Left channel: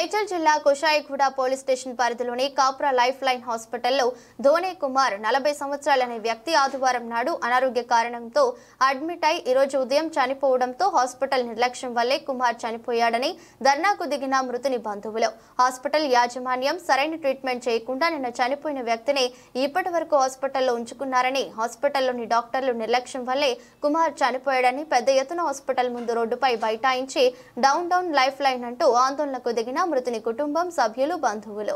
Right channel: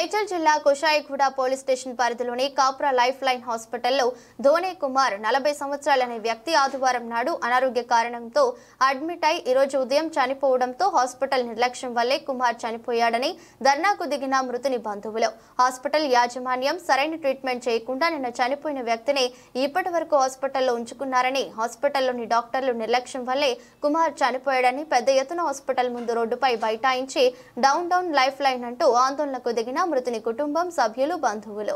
మేడ్చల్ జిల్లా Kushaiguda police station పరిధిలోని Kapra life line హాస్పిటల్లో ధోనే కుమార్ 40 సంవత్సరాల అనే వ్యక్తి ఆదివారం నాడు అనారోగ్య కారణంతో అడ్మిట్ అయి ఈ రోజు ఉదయం చనిపోవడంతో హాస్పిటల్ నిర్లక్ష్యం వల్లే కుమార్ చనిపోయాడని ధర్నాకు దిగిన మృతుని బంధువులు హాస్పిటల్ యాజమాన్యం సరైన ట్రీట్మెంట్ చేయకుండా నిన్న చనిపోయిన వ్యక్తిని ఇప్పటివరకు హాస్పిటల్లో ఉంచుకున్నారని హాస్పిటల్లోని డాక్టర్లు నిర్లక్ష్యం వల్లే కుమార్ చనిపోయాడని పెద్ద ఎత్తున హాస్పిటల్ ముందు రోడ్డుపై బైఠాయించి డౌన్ లైఫ్ లైన్ అంటూ ఆందోళనకు దిగిన మృతుని కుటుంబం సభ్యులు బంధువులు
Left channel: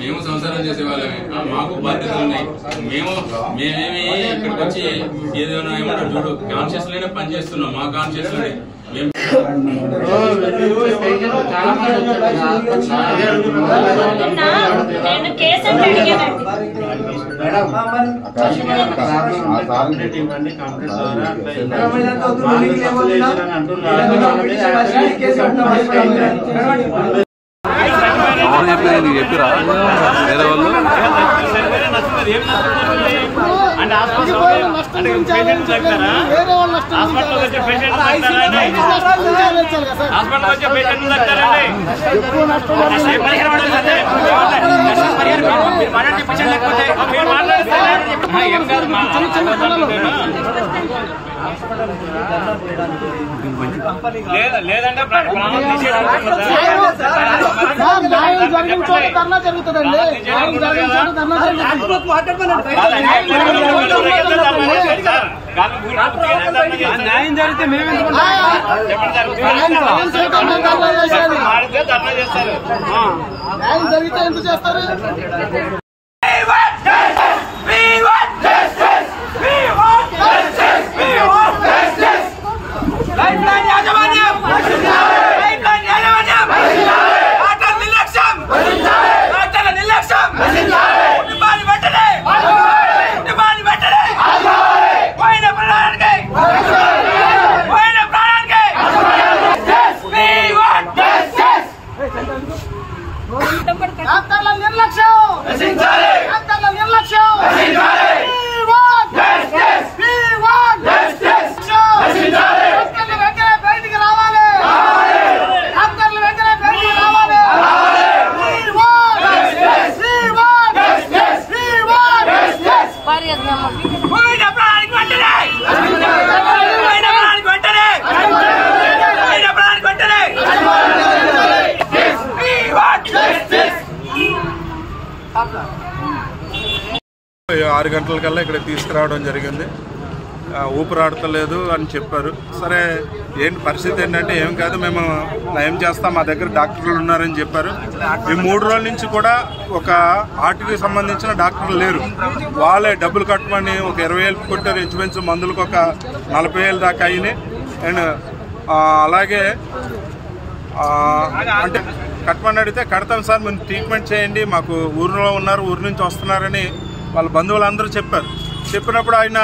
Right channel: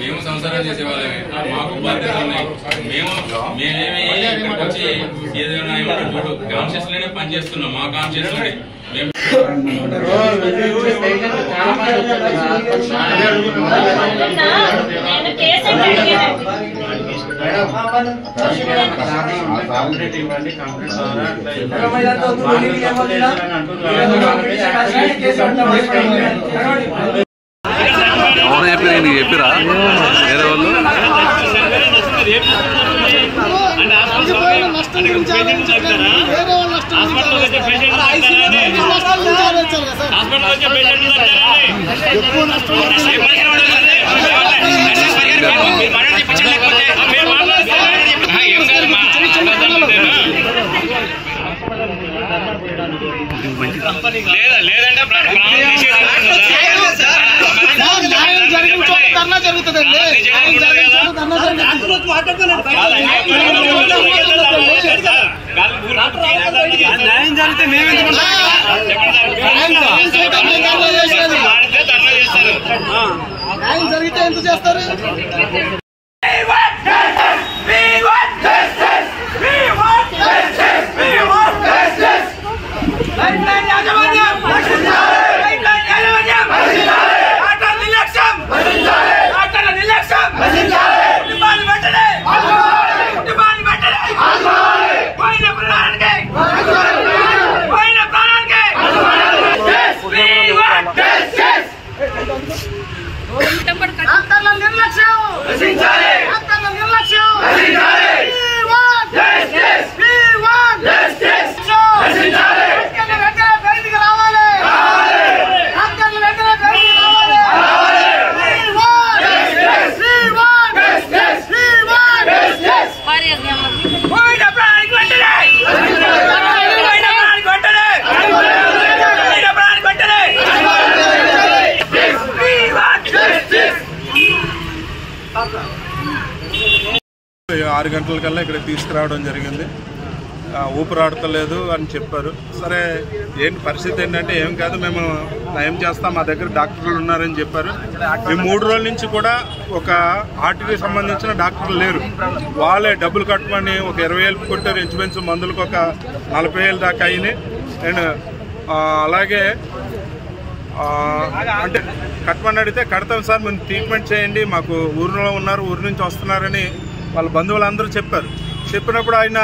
మేము సంసారం చేసే వాళ్ళమే, మాకు బాధ్యతలు ఉన్నాయి. మేమేమి ఇక్కడికి వచ్చి ఏదైనా ఏమన్నా చూడు కాన్షియస్ లోనే పని చేస్తున్నాం. మా కాన్షియస్ లోనే ఎవరు చెప్పారు? నీకు చెప్పిరా వేరే వాళ్ళు? న్యాయం జరిగితే మేమే ఎందుకు చేస్తారు? ఆరు గంటలకల్లా ఇక్కడ తీసుకురావడం జరిగింది. ఊపిరాడతలేదు అని చెప్పారు. సరే ఏంటి పరిస్థితి ఏంటంటే ఏం కాదు, మేము నయం చేస్తాం, మా దగ్గర డాక్టర్లు ఉన్నారని చెప్పారు. ఈ 3 రోజుల నుంచి కూడా ఒక హార్ట్కి సంబంధించిన డాక్టర్లు లేరు. వాళ్ళే డబ్బులు కట్టమని ఒక 20,000 కొట్టారు. ఇంచుమించు మందులకు ఒక 40,000 దాకా అయినాయి. అండ్ అలాగే అంటే కట్టమని అడిగితే కడతాం సార్, మేము ట్రీట్మెంట్ చేయండి, మాకు ఊరిలో ఉన్నారు, ఊరి నుంచి వస్తున్నారని వాళ్ళ బంధువులందరూ చెప్పారు. చెప్పినప్పుడు ఆయన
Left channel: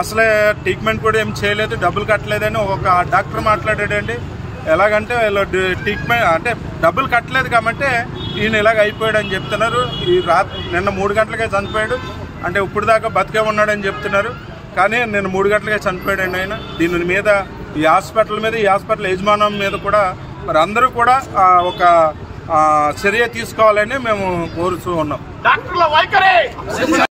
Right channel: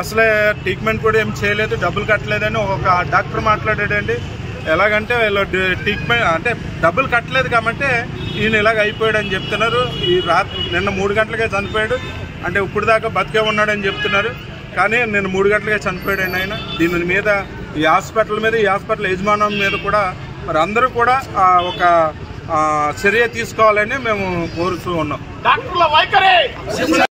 అసలే ట్రీట్మెంట్ కూడా ఏం చేయలేదు, డబ్బులు కట్టలేదని ఒక డాక్టర్ మాట్లాడాడండి. ఎలాగంటే వీళ్ళు ట్రీట్మెంట్ అంటే డబ్బులు కట్టలేదు కాబట్టి ఈయన ఇలాగ అయిపోయాడు అని చెప్తున్నారు. ఈ నిన్న 3 గంటలకే చనిపోయాడు అంటే ఇప్పుడు దాకా బతికే ఉన్నాడని చెప్తున్నారు. కానీ నిన్న 3 గంటలకే చనిపోయాడండి ఆయన. దీని మీద ఈ హాస్పిటల్ మీద, ఈ హాస్పిటల్ యజమానం మీద కూడా మరి అందరూ కూడా ఒక చర్య తీసుకోవాలని మేము కోరుతూ ఉన్నాం.